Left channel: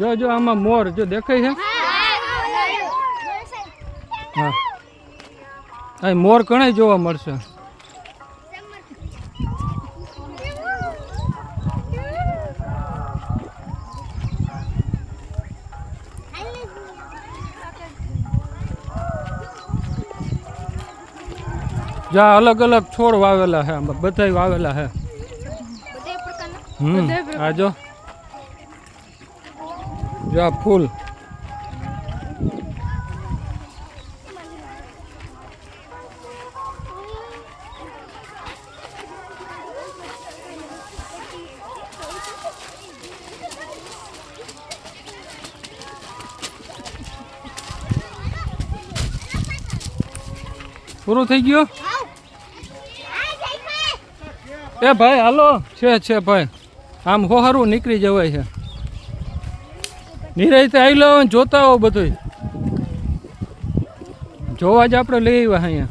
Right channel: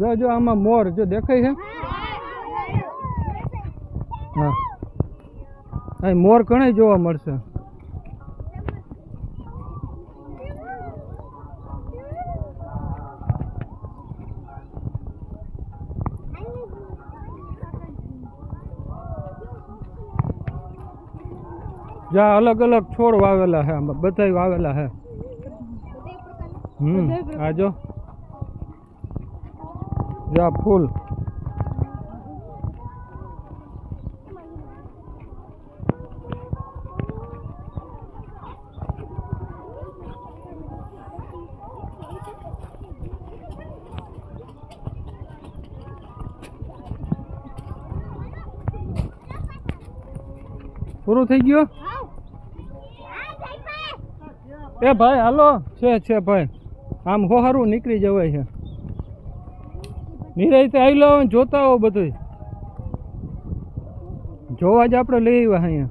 જો જો આમાં મોર જો દેખાય છે હા આ મોર ઘણા જોવા મળશે જા અલગ અલગ છોડ વાવેલા છે આમાં બધાય વાવેલા છે આ જો જા ફૂલ પૂરું થઈ ગયો એ ભાઈ હાલો છે ભાઈ આમ હોહારું નીકળી જવાય છે નિરાયતે આવી લો જોતા હો બધું જોવા જ આપણે લઈ આવ્યા અહીંયા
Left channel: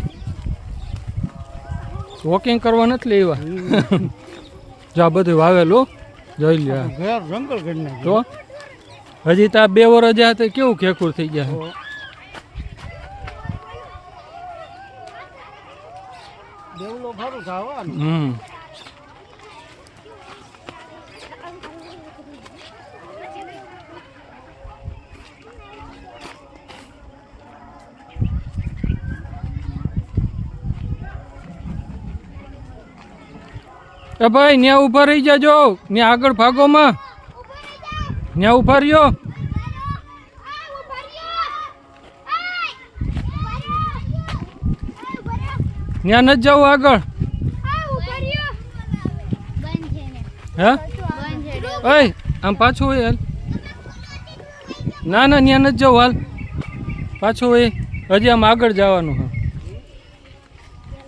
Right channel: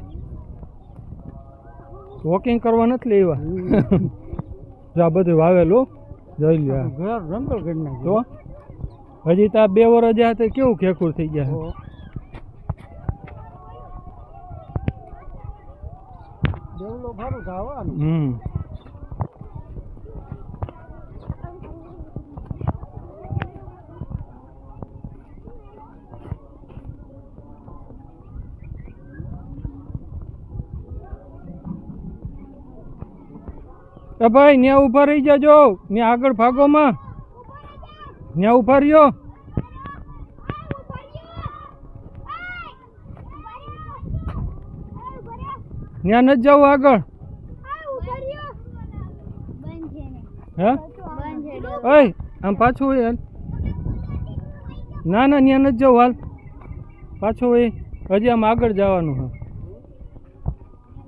વોકિંગ કરવા નથી લઈ આવ્યા જા બધું વાવેલું જોઈ લે જંગલ કરી તો હજી તો 2 વર્ષ જ્યાં તો કેવું ખેખુર થઈ ગયા દેવલો ભારું ખાવાનું એ ભાઈ ન્યા ઉભા રહી જાજો ન્યા આગળ ભાગોમાં ન્યા ઉભા રહ્યો ન્યા નથી જવું આગળ હે એ આમ પાછું હોય હાલ ના ના ન્યા નથી જવું હાલ પાછું હોય હજી આમ આગળ જવાનું હા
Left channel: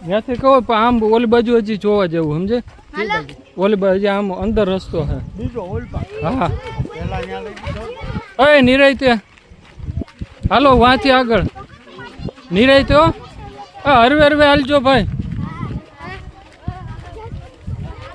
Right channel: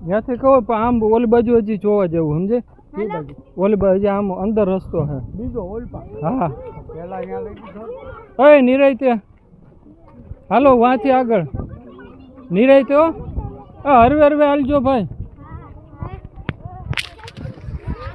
ત્યાંથી કહો પણ આમ ઓલી બાજુ હજી જોવા જેવું સમજે ઓલી બાજુ હજી આમ અંદર રસ્તો છે બીજો ઓલપા હા પેલા ત્યાં લઈ દીધો એ નિરાયતે હાલો વાંથી આગળ નિરાયતે હો હરવે હરવે હાલજો ભાઈ